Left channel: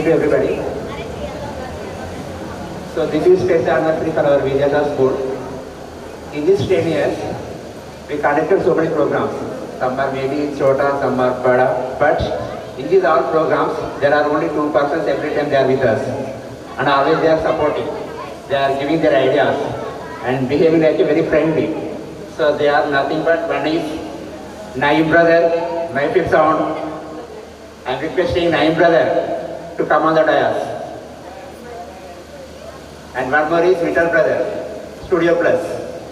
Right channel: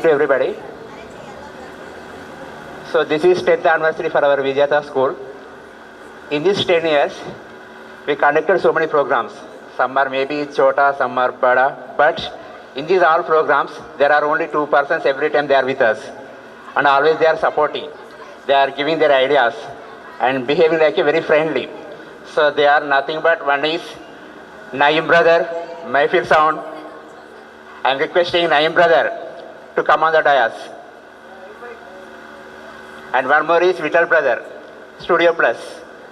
evening to everybody. So this is 10th anniversary for our Vijayata school. In these 10 years, we conducted so many programs. Some are maybe Chota, some are Bada, but in these all programs, there are only two persons every time they are with us. And always they are supporting. They are giving their ideas and behaving like a very friendly. So they are nothing but one is Naim brother, my fifth sound. I am requesting Naim brother to come on the dais. And one more is Vital brother, Studio Plus,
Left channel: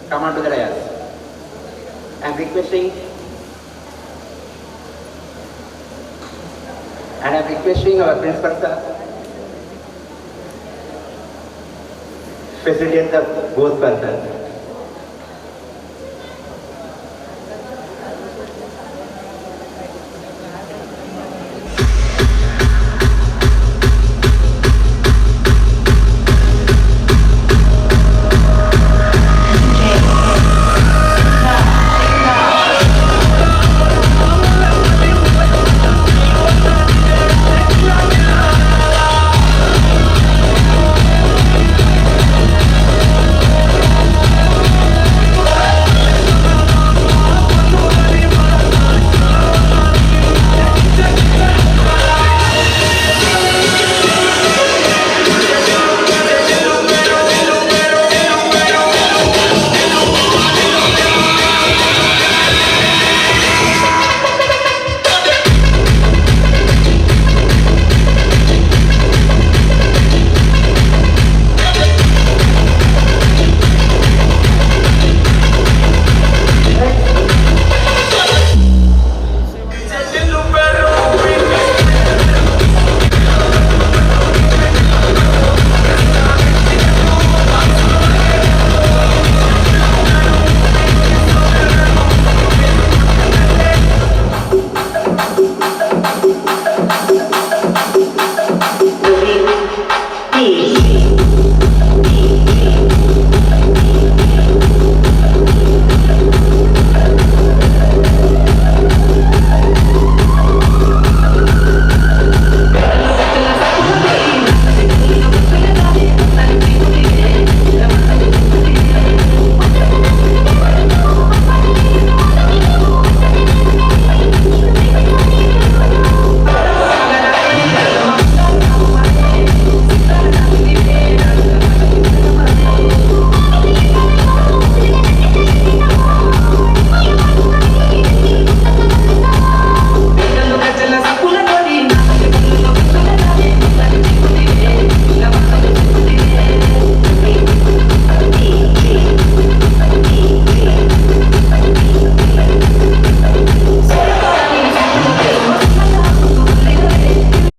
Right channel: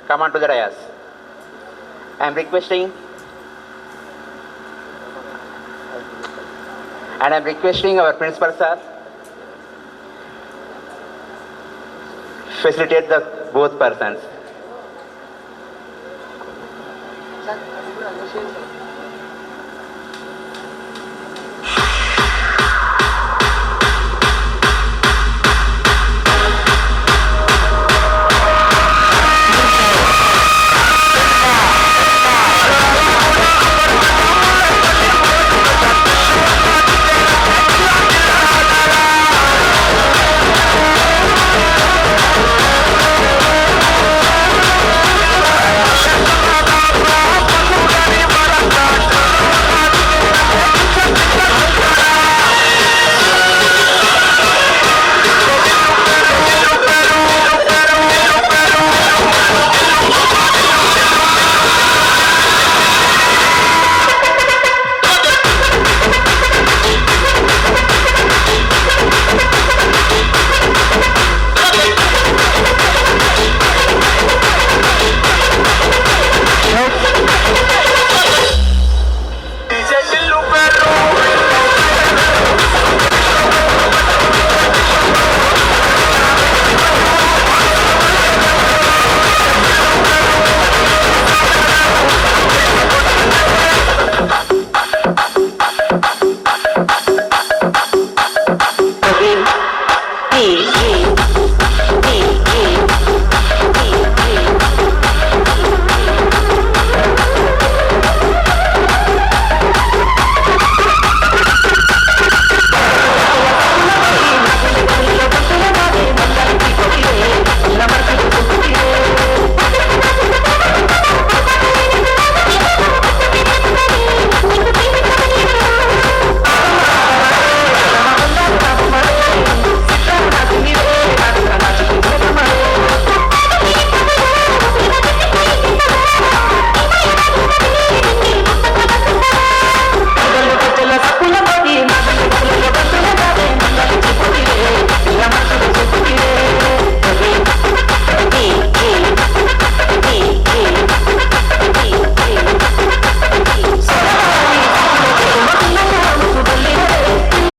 come on to the dais. I am requesting our principal sir facilitate the both persons.